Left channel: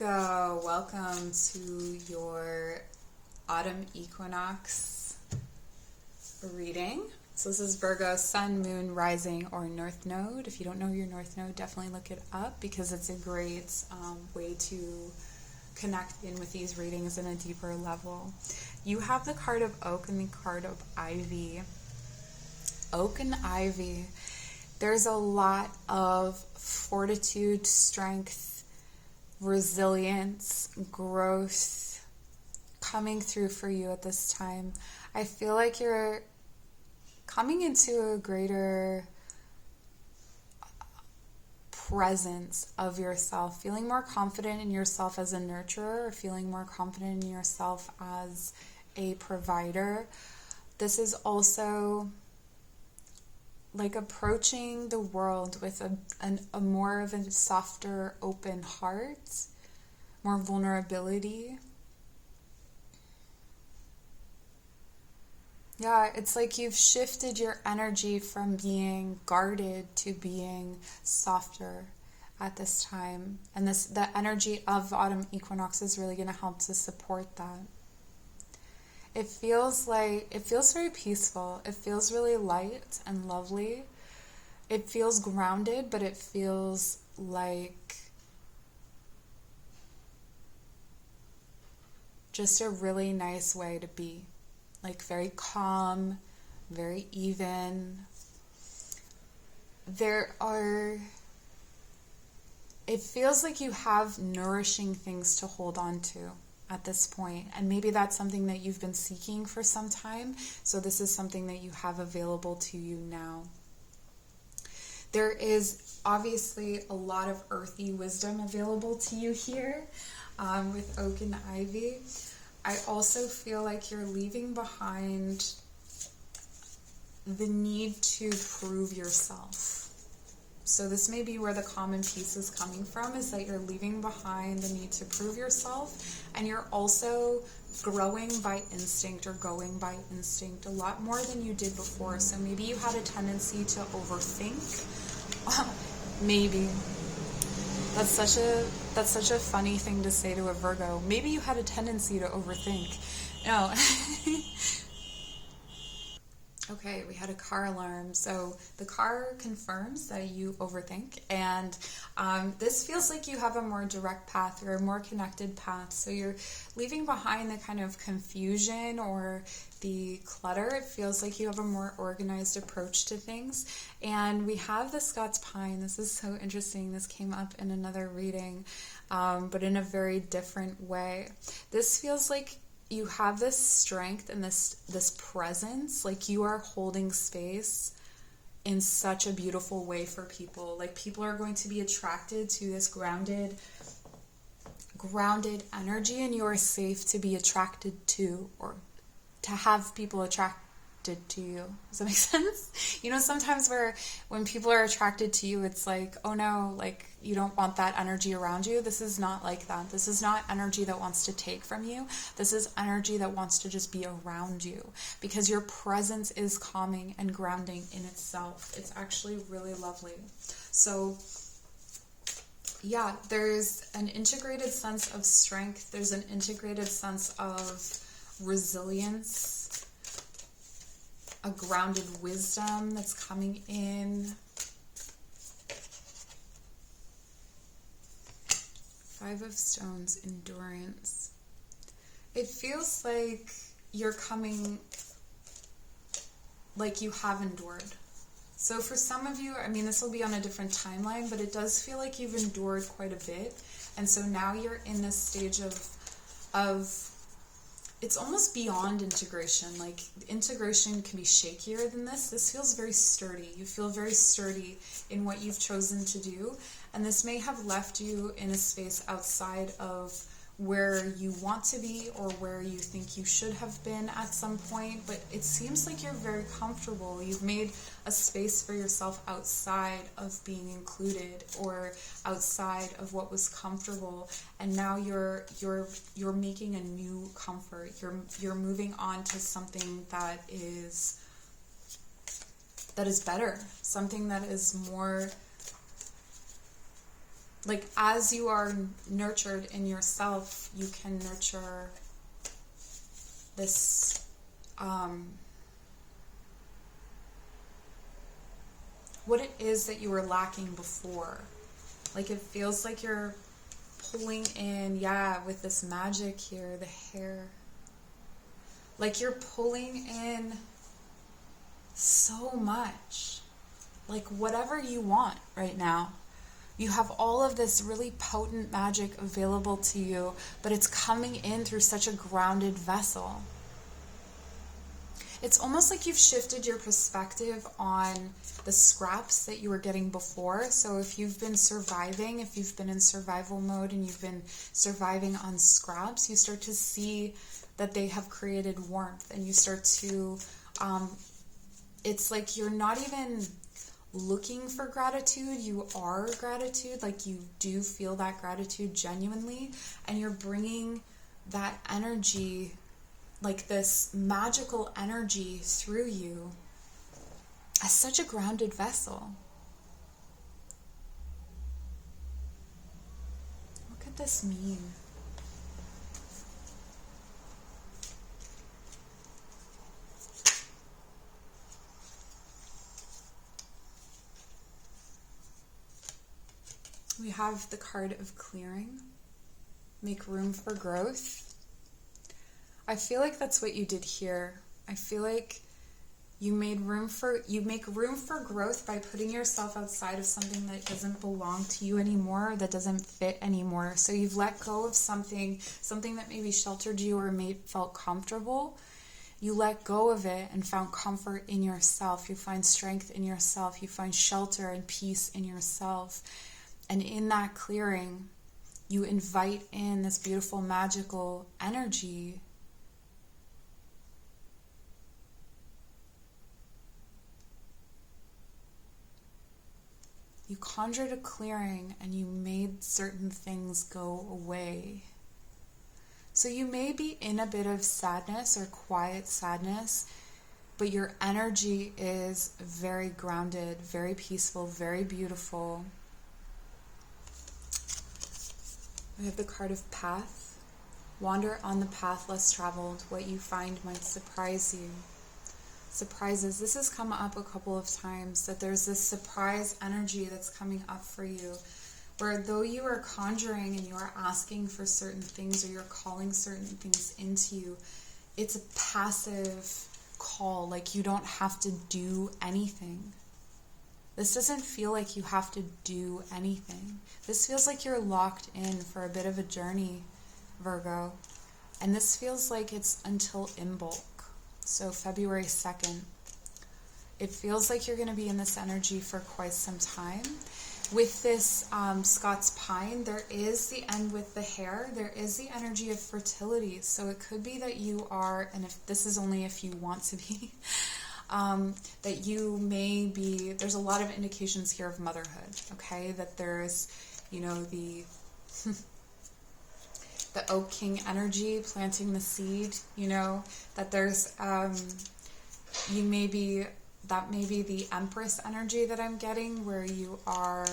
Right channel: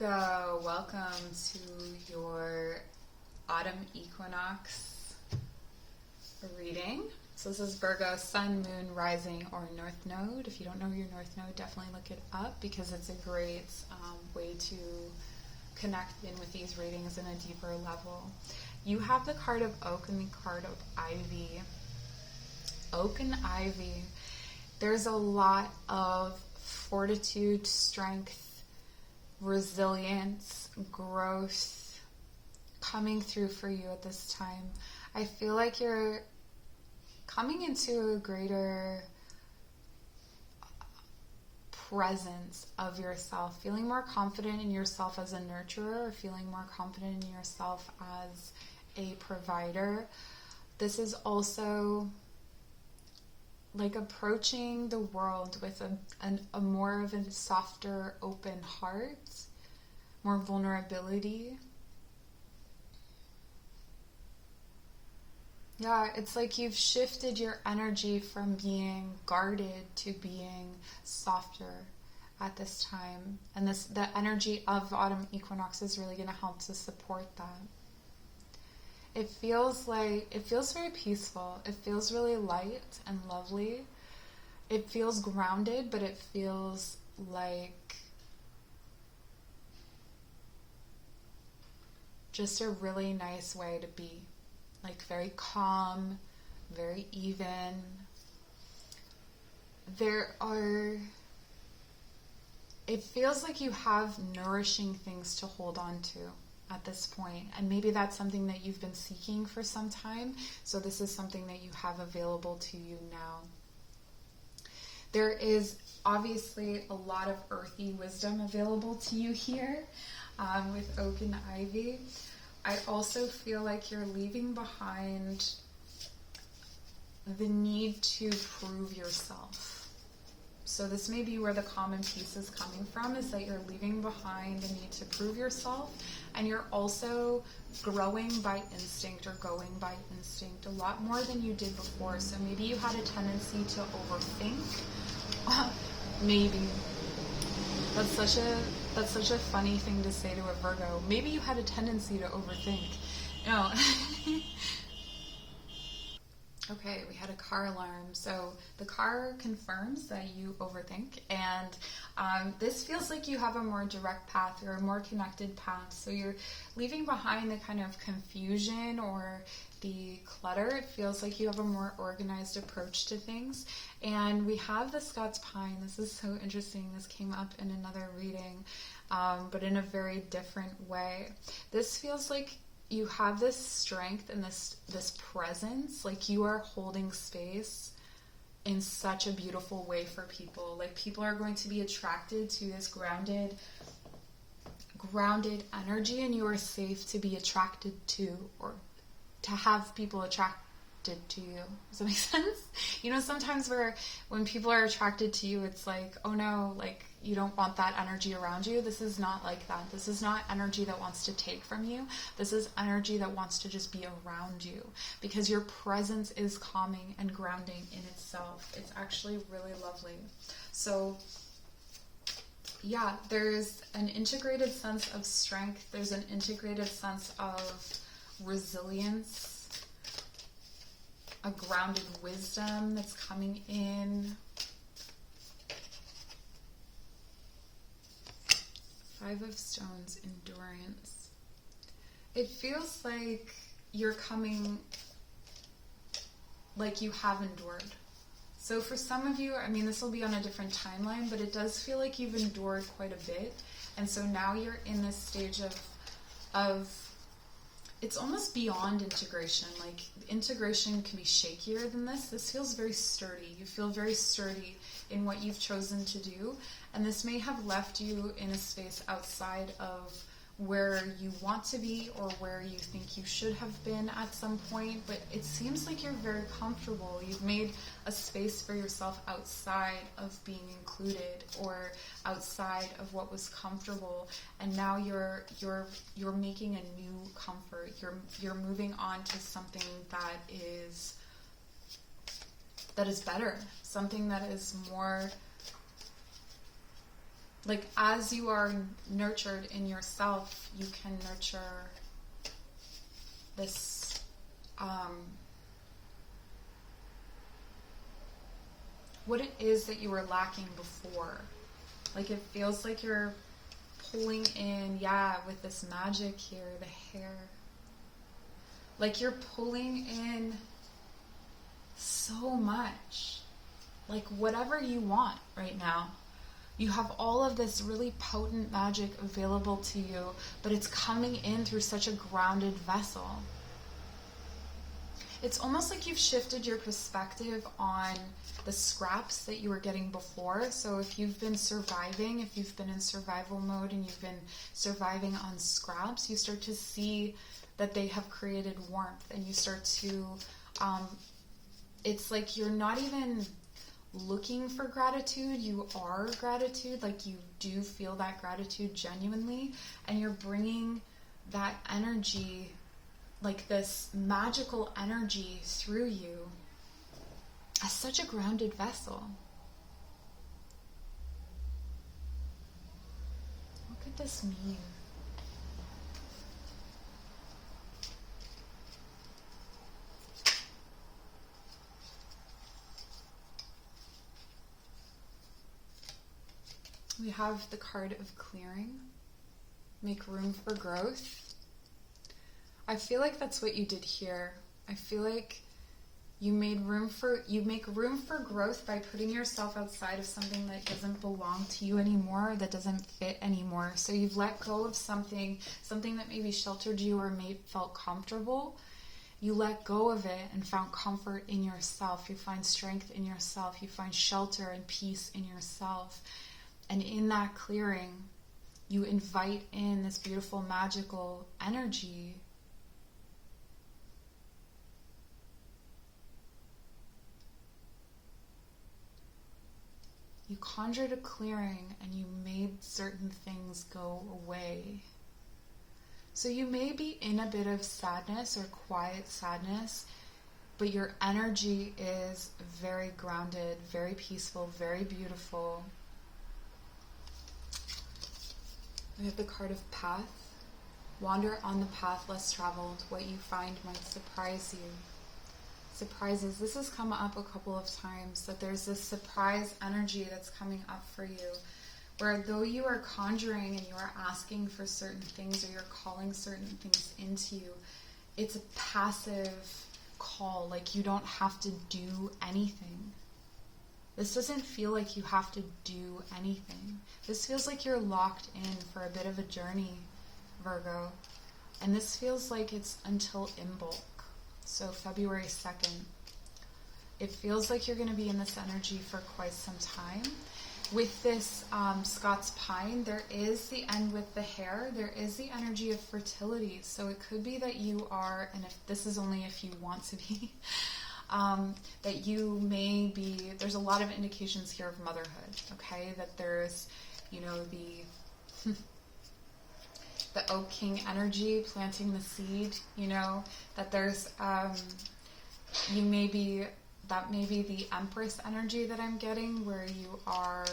So, welcome to your autumn equinox reading. So this is Virgo Sun, Moon, Rising, or North Node. If you don't know your North Node, definitely look it up because it's a great way to connect in with these readings in a deeper level. You have the card of Oak and the card of Ivy. Oak and Ivy. There's a lot of fortitude, strength, resilience, growth coming through for you at this time. I feel like you're coming into a greater presence of yourself, feeling more confident in yourself as a nurturer, or feeling more confident in yourself as a provider. This is also like approaching the world with a more of a softer, open heart, more vulnerability. Yeah, it's like you've shifted your energy from being guarded to being softer at this time. And the energy of autumn equinox is really going to help to support that. It feels very peaceful. It feels really light and lovely. It feels grounded, but it feels like just a really nice way to be. Like very calm, very even. It feels like you have nourishing things to hold on to at this point, and maybe that's something that you've been seeking for some time, so this is something that you have available to you now. There is obviously a lot of earthy wisdom available to you here with Oak and Ivy. I also feel like you're leaving behind the need to prove yourself. So this may be where the common piece is coming from, is that you're leaving behind the need to prove yourself, and you're also growing by instinct or going by instinct a lot more than you did before. So maybe you had a tendency to overthink. Maybe. That's such a funny thing to say to a Virgo. Maybe you had a tendency to overthink. No. Okay, we had a car alarm. So the car confirms that you overthink, and this feels like you have a more direct path or a more connected path. So you're leaving behind the kind of confusion or the clutter. It feels like you have a more organized approach to things. And we have the Scots pine. This is so interesting. This came up in another reading, but in a very different way. This feels like you have this strength and this presence, like you are holding space in such a beautiful way for people. Like people are going to be attracted to this grounded energy, and you are safe to be attracted to, or to have people attracted to you. Does that make sense? You know, sometimes when people are attracted to you, it's like, oh no, like you don't want that energy around you. This is not like that. This is not energy that wants to take from you. This is energy that wants to just be around you, because your presence is calming and grounding in itself. It's actually really lovely. So yeah, there's an integrated sense of strength. There's an integrated sense of resilience, a grounded wisdom that's coming in. Five of Stones, endurance. It feels like you're coming, like you have endured. So for some of you, I mean, this will be on a different timeline, but it does feel like you've endured quite a bit. And so now you're in this stage of it's almost beyond integration. Like integration can be shakier than this. This feels very sturdy. You feel very sturdy in what you've chosen to do. And this may have left you in a space outside of where you want to be or where you think you should have been at some point, but it seems like you're very comfortable. You've made a space for yourself outside of being included or outside of what was comfortable, and now you're making a new comfort. You're moving on to something that is better, something that is more like as you are nurtured in yourself, you can nurture this what it is that you were lacking before. Like it feels like you're pulling in, yeah, with this magic here, the hair. Like you're pulling in so much. Like whatever you want right now. You have all of this really potent magic available to you, but it's coming in through such a grounded vessel. It's almost like you've shifted your perspective on the scraps that you were getting before. So if you've been surviving, if you've been in survival mode and you've been surviving on scraps, you start to see that they have created warmth, and you start to, it's like you're not even looking for gratitude, you are gratitude. Like you do feel that gratitude genuinely, and you're bringing that energy, like this magical energy through you as such a grounded vessel. What could this mean? We have the card of clearing. Make room for growth. I feel like that's what you did here. I feel like you make room for growth by putting yourself outside of something that doesn't belong to you anymore, that doesn't fit anymore. So you've let go of something that maybe sheltered you or felt comfortable. You let go of it and found comfort in yourself. You find strength in yourself. You find shelter and peace in yourself. And in that clearing, you invite in this beautiful magical energy. You conjured a clearing and you made certain things go away. So you may be in a bit of sadness or quiet sadness, but your energy is very grounded, very peaceful, very beautiful. We have the card of path. Wander on the path less traveled. What you find might surprise you. Surprises. This has come up a couple of times, that there's this surprise energy that's coming up for you, where though you are conjuring and you are asking for certain things, or you're calling certain things into you, it's a passive call. Like you don't have to do anything. This doesn't feel like you have to do anything. This feels like you're locked in for a bit of a journey, Virgo. And this feels like it's until Imbolc, so February 2nd. It feels like you're going to be in this energy for quite some time. With this Scots pine, there is the end with the hair. There is the energy of fertility. So it could be that you are, and if this is only if you want to be, that you may be, there's a lot of indications here of motherhood, okay? That there's, the the Oak King energy, planting the seed, that there's, that may be the Empress energy that I'm getting, where you are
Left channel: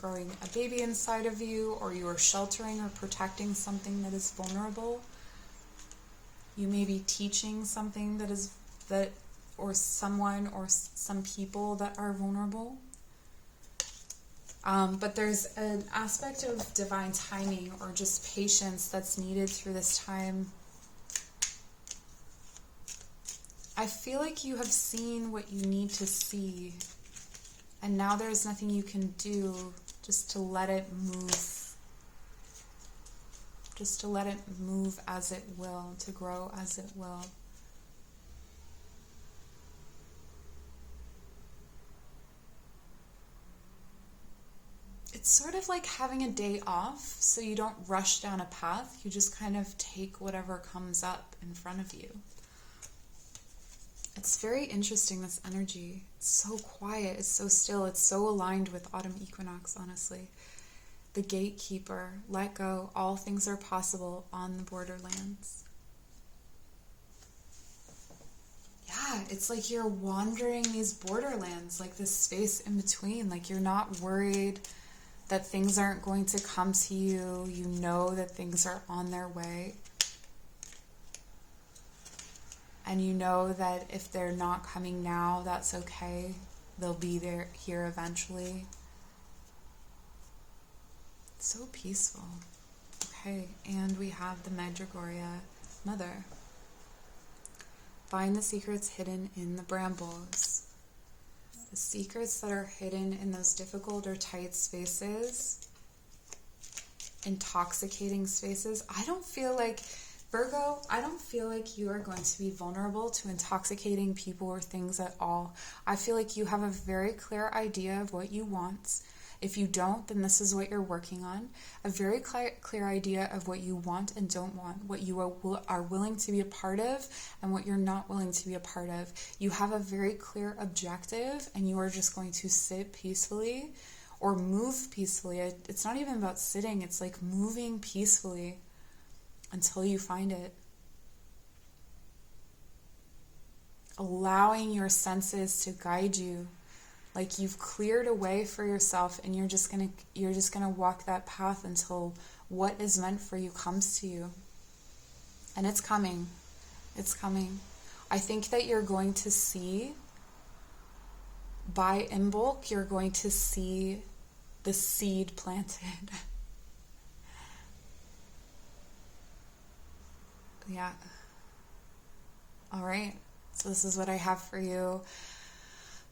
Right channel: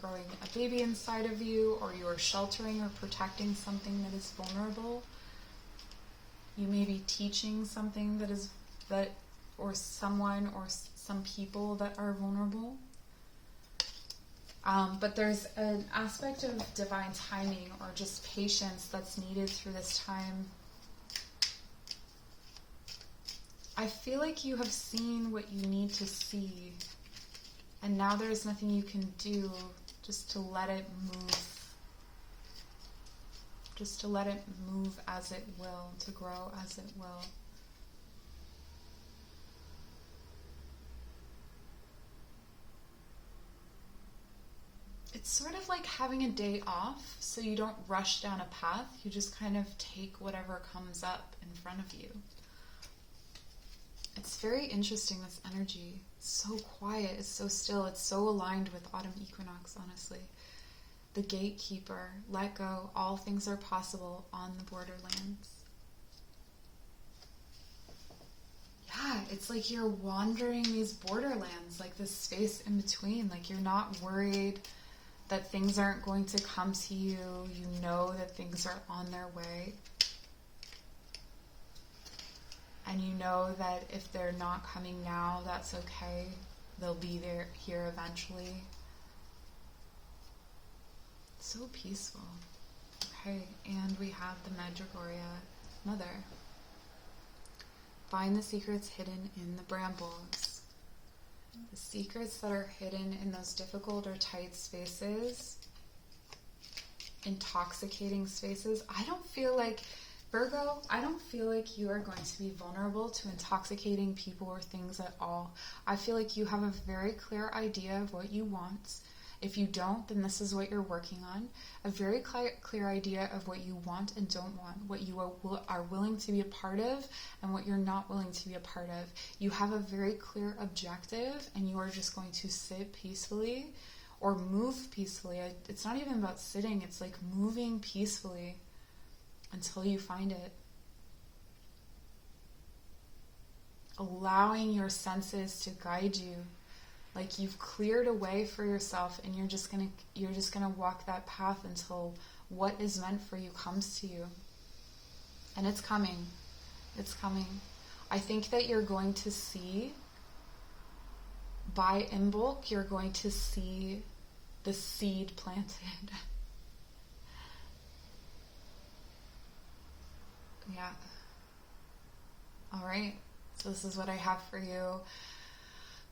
growing a baby inside of you, or you are sheltering or protecting something that is vulnerable. You may be teaching something or someone or some people that are vulnerable. But there's an aspect of divine timing or just patience that's needed through this time. I feel like you have seen what you need to see, and now there's nothing you can do just to let it move. Just to let it move as it will, to grow as it will. It's sort of like having a day off, so you don't rush down a path. You just kind of take whatever comes up in front of you. It's very interesting, this energy. It's so quiet, it's so still, it's so aligned with autumn equinox, honestly. The gatekeeper, let go, all things are possible on the borderlands. Yeah, it's like you're wandering these borderlands, like this space in between, like you're not worried that things aren't going to come to you. You know that things are on their way. And you know that if they're not coming now, that's okay. They'll be there here eventually. So peaceful. Okay, and we have the Medjugorje Mother. Find the secrets hidden in the brambles. The secrets that are hidden in those difficult or tight spaces, intoxicating spaces. I don't feel like, Virgo, I don't feel like you are going to be vulnerable to intoxicating people or things at all. I feel like you have a very clear idea of what you want. If you don't, then this is what you're working on. A very clear idea of what you want and don't want, what you are willing to be a part of and what you're not willing to be a part of. You have a very clear objective and you are just going to sit peacefully or move peacefully. It's not even about sitting, it's like moving peacefully until you find it. Allowing your senses to guide you. Like you've cleared a way for yourself and you're just gonna walk that path until what is meant for you comes to you. And it's coming. It's coming. I think that you're going to see, in bulk, you're going to see the seed planted. Yeah. All right. So this is what I have for you.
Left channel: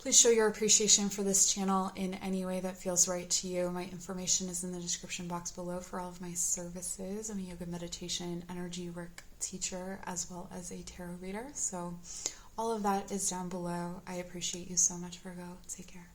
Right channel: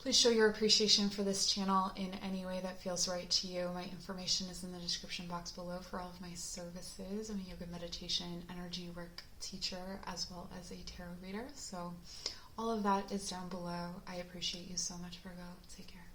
Please show your appreciation for this channel in any way that feels right to you. My information is in the description box below for all of my services. I'm a yoga, meditation, energy work teacher, as well as a tarot reader. So all of that is down below. I appreciate you so much, Virgo. Take care.